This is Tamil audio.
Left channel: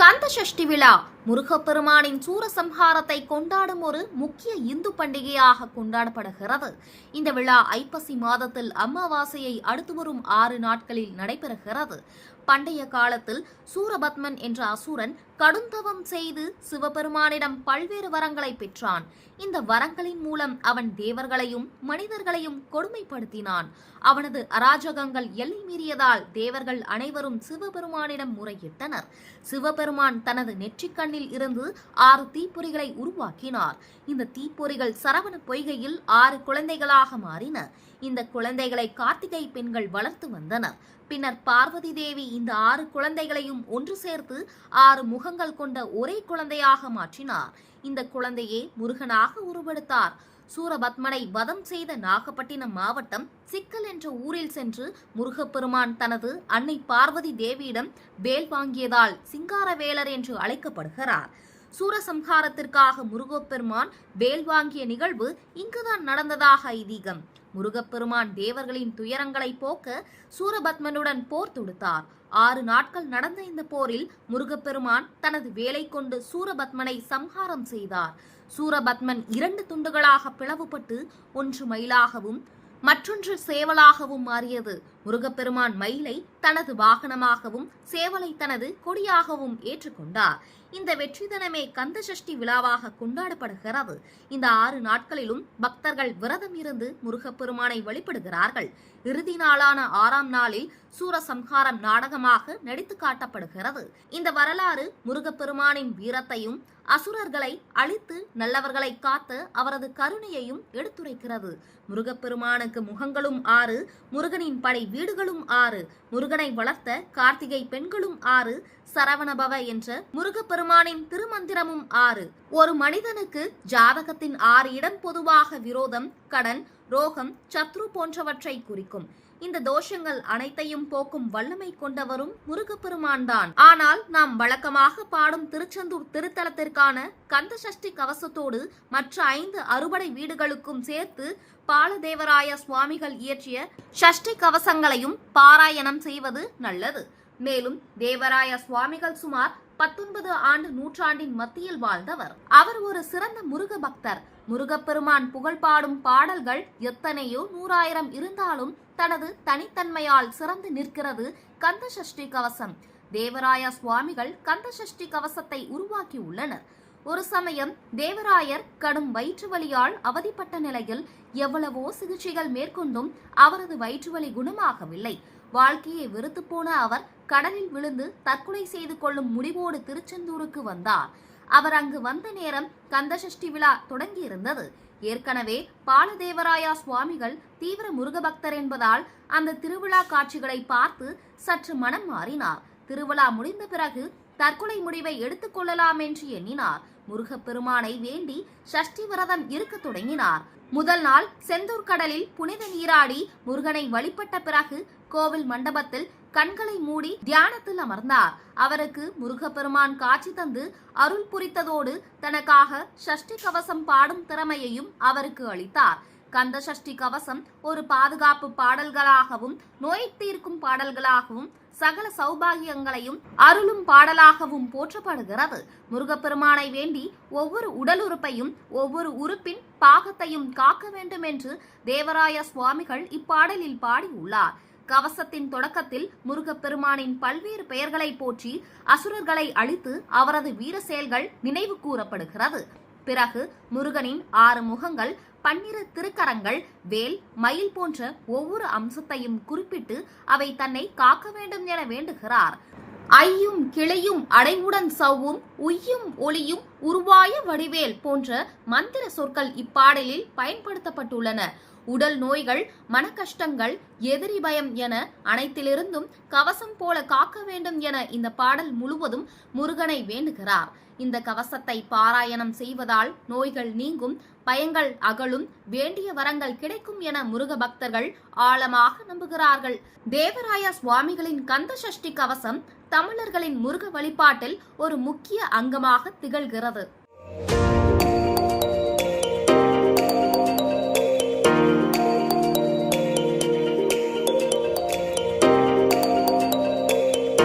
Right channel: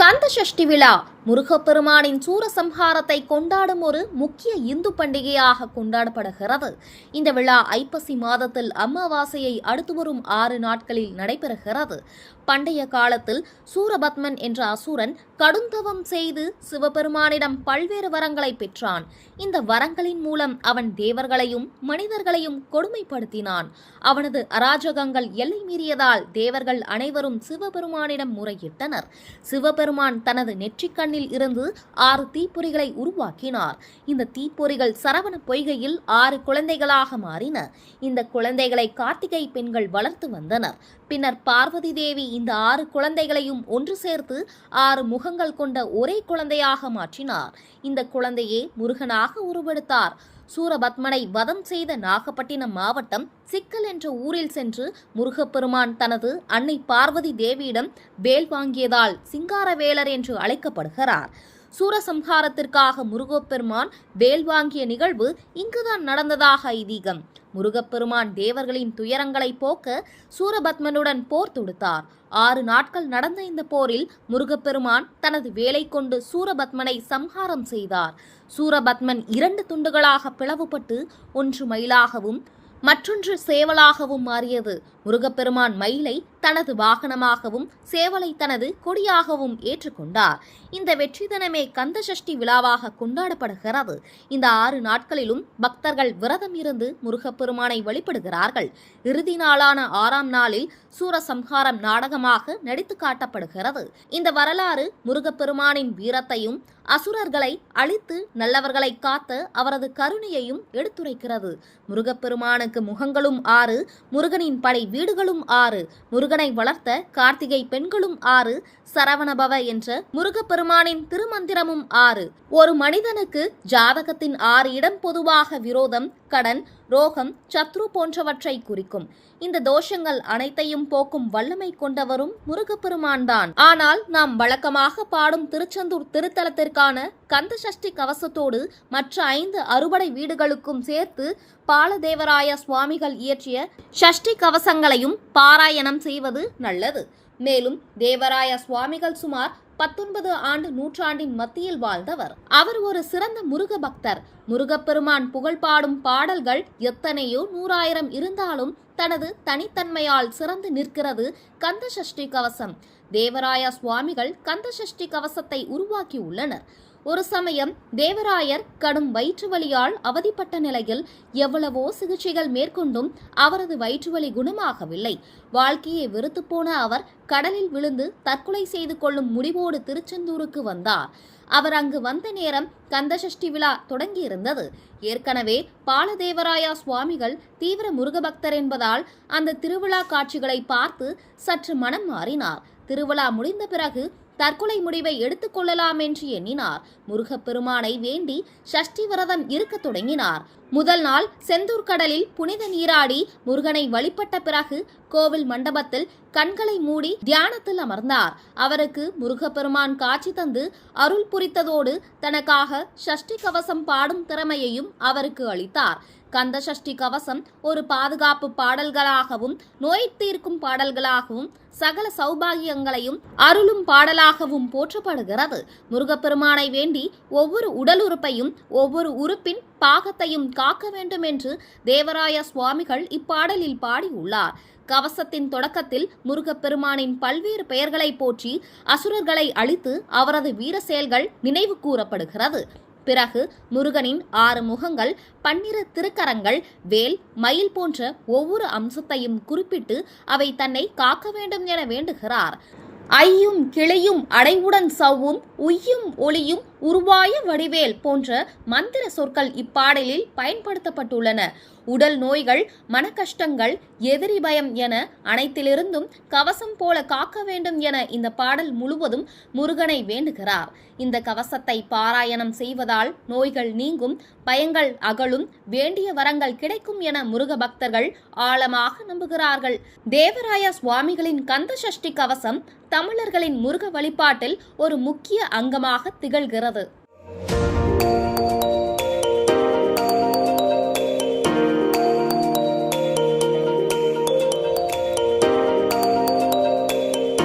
கந்த சஷ்டி விழா முருகப்பெருமானின் சூரசம்ஹாரத்தை கொண்டாடும் ஒரு முக்கிய இந்து பண்டிகையாக கொண்டாடப்படுகிறது. இந்த விழா ஐப்பசி மாதத்தில் அமாவாசையை அடுத்து வரும் 6 நாட்களில் நடைபெறுகிறது. பண்டைய காலத்தில் சூரபத்மன் என்ற அசுரன் கடுந்தவம் செய்து சிவபெருமானிடம் பல்வேறு வரங்களை பெற்றான். இந்த வரங்களின் மூலம் அவன் தேவர்களையும் மனிதர்களையும் கொடுமைப்படுத்தினான். அவனது அராஜகங்கள் எல்லை மீறியதால் தேவர்கள் அனைவரும் சிவபெருமானிடம் முறையிட்டனர். சிவபெருமான் தனது நெற்றிக்கண்ணில் இருந்து 6 தீப்பொறிகளை உருவாக்கினார். இந்த தீப்பொறிகள் சரவண பொய்கையில் 6 குழந்தைகளாக மாறின. இந்த குழந்தைகளை கார்த்திகை பெண்கள் வளர்த்து வந்தனர். பின்னர் பார்வதி தேவி இந்த 6 குழந்தைகளையும் ஒன்று சேர்த்து 6 முகங்கள் கொண்ட ஒரே குழந்தையாக மாற்றினார். இந்த குழந்தையே முருகனாக உருவெடுத்தார். சூரபத்மனை வதம் செய்த நாகப்பட்டினம் மாவட்டம் சிக்கல் என்ற ஊரில் சென்று முருகப்பெருமான் தனது அன்னை பார்வதி தேவியிடம் வேல் வாங்கியதால் சிங்காரவேலர் என்று அழைக்கப்படுகிறார். சூரசம்ஹாரத்திற்காக முருகப்பெருமான் வேல் வாங்கிய நிகழ்வு இங்குதான் நடந்ததாக ஐதீகம். முருகப்பெருமான் தேவர்களின் துயரங்களை போக்க சூரபத்மனுடன் போர் தொடுத்தார். 6 நாட்கள் நடந்த இந்த போரில் முருகப்பெருமான் தனது வேலை கொண்டு சூரபத்மனை சம்ஹாரம் செய்தார். சூரபத்மன் 2 துண்டுகளாக பிளவுபட்டு ஒன்று மயிலாகவும் மற்றொன்று சேவலாகவும் மாறியது. முருகப்பெருமான் மயிலை தனது வாகனமாகவும் சேவலை தனது கொடியாகவும் ஏற்றுக்கொண்டார். இந்த வெற்றி தினமே கந்த சஷ்டி விழாவாக கொண்டாடப்படுகிறது. இந்த 6 நாட்களிலும் பக்தர்கள் விரதம் இருந்து முருகப்பெருமானை வழிபடுகிறார்கள். இறுதி நாளான 6ஆம் நாளில் சூரசம்ஹாரம் நாடகமாக நடித்து காட்டப்படுகிறது. இந்த வரலாறு முருகப்பெருமானின் வீரத்தையும் அசுரர்களை அழித்து நல்லவர்களை காத்த அவரது கருணையையும் எடுத்துரைக்கிறது. முருகப்பெருமானுக்கு முகங்களும் 6, முருகனின் படை வீடுகளும் 6, முருகனை வளர்த்த கார்த்திகை பெண்களும் 6, சரவணபவ என்ற முருகப்பெருமானின் திருமந்திரமும் 6. ஒரு மனிதனுக்கு ஜாதகத்தின் 6 இடம் பொதுவாக விரோதம், கடன், ரோகம், சத்ரு போன்றவற்றை குறிக்கும். இந்த தோஷங்கள் அனைத்தையும் போக்கும் வல்லமை கொண்டவரும் முருகப்பெருமான் தான். ஆனால் நாம் வழக்கமாக பாடும் திருச்செந்தூர் திருத்தலத்திற்கான கந்த சஷ்டி கவசத்தோடு மற்ற 5 அறுபடை வீடுகளுக்கும் சேர்த்து பாலதேவராய சுவாமிகள் இயற்றிய சஷ்டி கவசங்களையும் பாராயணம் செய்வது நல்லது. மேலும் தேவராய சுவாமிகள் சுமார் 19 ஆண்டு நூற்றாண்டின் மத்தியில் வாழ்ந்தவர். அவர் ஒரு சிறந்த முருக பக்தர். முருகப்பெருமான் புகழ் பாடும் பாடல்கள் எத்தனையோ 100,000 இருந்தாலும் தனது தனித்தன்மையால் சிறந்து நிற்கிறது கந்த சஷ்டி கவசம். தேவராய சுவாமிகள் கந்த சஷ்டி கவசத்தை உருவாக்கி உள்ளனர். ஒரு சமயம் தேவராயர் கடும் வயிற்று வலியால் அவதிப்பட்ட நிலையில் எவ்வளவோ சிகிச்சைகள் மேற்கொண்டும் அவரது வயிற்றுவலி குணமாகவில்லை. வாழ்க்கையை வெறுத்து போன அவர் கடலில் விழுந்து தற்கொலை செய்து கொள்ளும் முடிவோடு திருச்செந்தூருக்கு வந்தார். அவர் அங்கு வந்த நேரம் கந்த சஷ்டி விழா தொடங்கியிருந்தது. ஏற்கனவே பாலதேவராயா சுவாமிகள் தீவிர முருகபக்தர் என்பதால் அந்த திருவிழா காட்சிகளை பார்த்து சற்று மனம் மாறினார். திருவிழா முடிந்த பிறகு தற்கொலை முடிவை எடுத்துக் கொள்ளலாம் என்று எண்ணினார். முருகப்பெருமானை வேண்டி சஷ்டி விரதம் இருக்க தொடங்கினார். முதல் நாள் செந்தூர் கடலில் புனித நீராடி முருகனை வழிபட்ட பிறகு கோவில் மண்டபத்தில் கண்களை மூடி தியானத்தில் அமர்ந்தார். அவருக்கு முருகப்பெருமான் காட்சி தந்து அருள் புரித்ததோடு தனக்காக சஷ்டி கவசம் பாடும் திறமையையும் அவருக்கு அளித்தார். கந்த சஷ்டி கவசம் ஒரு பாதுகாப்பு பாடல்களாகவும் நோய் தீர்க்கும் பாடல்களாகவும் சகல சௌபாகியங்களையும் அருளும் பாடலாகவும் போற்றப்படுகிறது. முருகப்பெருமானை வேண்டி ஒவ்வொரு உடல் உறுப்பையும் ஒவ்வொரு உறுப்பின் பாகத்தையும் காக்க வேண்டும் என்று தேவராய சுவாமிகள் இப்பாடலில் பாடியுள்ளார். கவசத்தின் தொடக்கத்தில் முருகப்பெருமானின் பல்வேறு பெயர்களை போற்றி அசுரர்களை அழித்து அவரது வீர செயல்கள் நினைவு கூறப்படுகிறது. பிறகு முருகனின் 6 முகங்கள், 12 திருக்கரங்கள், வேல், மயில் போன்ற ஒவ்வொரு அம்சத்தையும் குறிப்பிட்டு அவை தன்னை காக்க வேண்டும் என வேண்டுகிறார். ஐயும் கிளையும் அடைவுடன் சவ்வும் உய்யும் ஒளியும் உருவாய வடிவேல் போன்ற மந்திர சொற்கள் இப்பாடலில் பயன்படுத்தப்பட்டுள்ளன. உடல் நோய்கள், மனக்கஷ்டங்கள், எதிரி பயம் என அனைத்திலிருந்தும் கவசம் போல காக்க வேண்டும் என இந்த பாடல் முழுவதும் முருகனை வேண்டுகிறார். இந்த கவசத்தை பாராயணம் செய்வதால் நோய்கள் நீங்கும், பயங்கள் அகலும், வேண்டிய வரங்கள் கிடைக்கும் என முருக பக்தர்கள் ஆழமாக நம்புகிறார்கள். தேவராய சுவாமிகளின் கந்த சஷ்டி கவசம் தமிழர்களின் முருக வழிபாட்டில் ஒரு முக்கிய அங்கமாக திகழ்கிறது.